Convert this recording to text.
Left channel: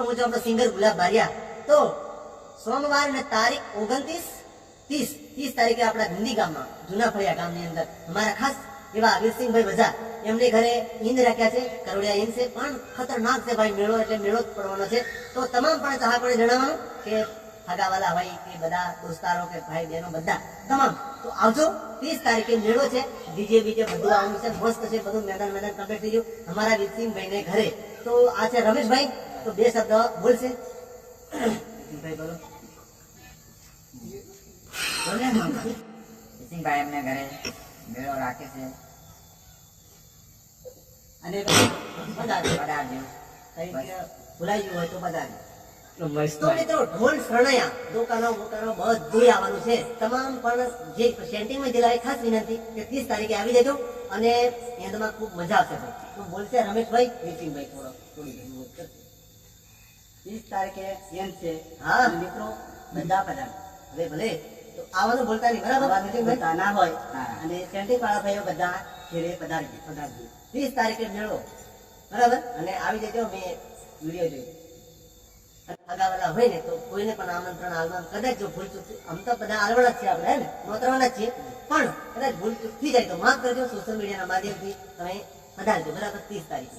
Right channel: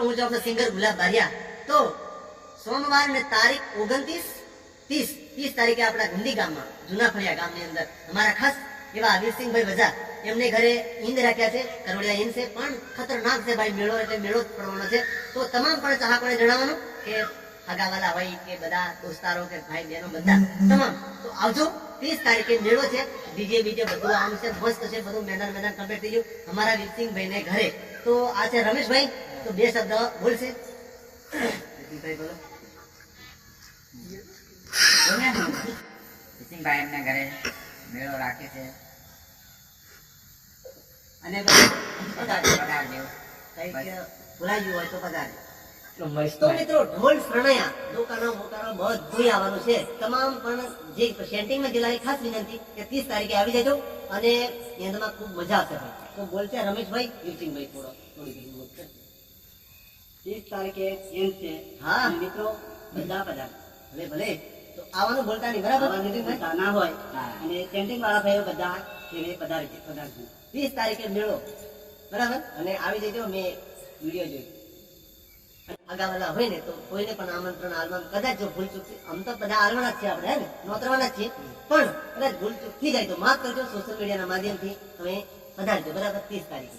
હું છું આપણા સિંગર ગુલાબ બારિયા. તો સોમવાર ને તારીખ 29, 30 તારીખે આપણા ગુંદી ગામમાં જૂના ફળિયા ગામની અંદર અમારા ખાસ એવા વીરસિંહભાઈ વજા એમને ઘરે ઈંદ રાખ્યા છે. કરોડિયા ઈંદ છે, પણ ખતરનાક છે ભાઈ. મેળો એટલે મેળો જ પડવાનો છે. તો તમામ પણ ચાહકોને જણાવવાનું કે હગાવાલા હોય કે બધા દોસ્તારો કે ભાઈ બહેનો બધા તમામ તો આવજો. 30 તારીખે મેળો છે. ડીજે બીજે બધું આવવાનું છે. મસ્ત છે બધું. મેદાન કમ્પ્લીટ થઈ ગયું અમારા વીરસિંહભાઈ ને ઘરે. તો આ છે રમેશભાઈ. તો બે શબ્દ બોલશે. વીરસિંહભાઈ બોલો. વીરસિંહભાઈ એમને ઘરે મેળો રાખે છે અને પધારજો. કંઈક ભૂલાઈ ગયું હોય તો પધારજો. તો મિત્રો ઢોલ શરણાયા દુકાનો મોટાનો બધું આવવાનું છે. તમામ પણ જે સેન્ટિંગમાં જિલ્લાએ ખાસ વિનંતી કે 30 તારીખે આવી જજો અને એમાં ખૂબ મજા આવશે ભાઈ. તો બોલશે રમેશભાઈ. વીરસિંહભાઈ થોડી ગઈ 30 તારીખે એમ છે. હા મિત્રો બધા પધાર. હવે ભલે તો આવવાનું ભૂલતા નહીં, બરાબર? ભૂલતા ના હોય. અને સેન્ટિંગ વાળા ભાઈઓ બધા ઘેરે પધારજો. 30 તારીખે મેળો, બરાબર? અને આવી જજો. મેં વિડીયો જોઈ અગાવાલા હોય ને તો કોઈને પણ આમંત્રણ આલવાનું કદાચ જો ભૂલ ચૂક, આમ તો બધા આલવાના જ છે આપણે, હે ને નોતરવાના જ છીએ, પણ કદાચ ભૂલ ચૂક થઈ જાય તો માફ કરજો. સોશિયલ મીડિયાના માધ્યમથી તમે પધારજો, બરાબર? 30 તારીખે.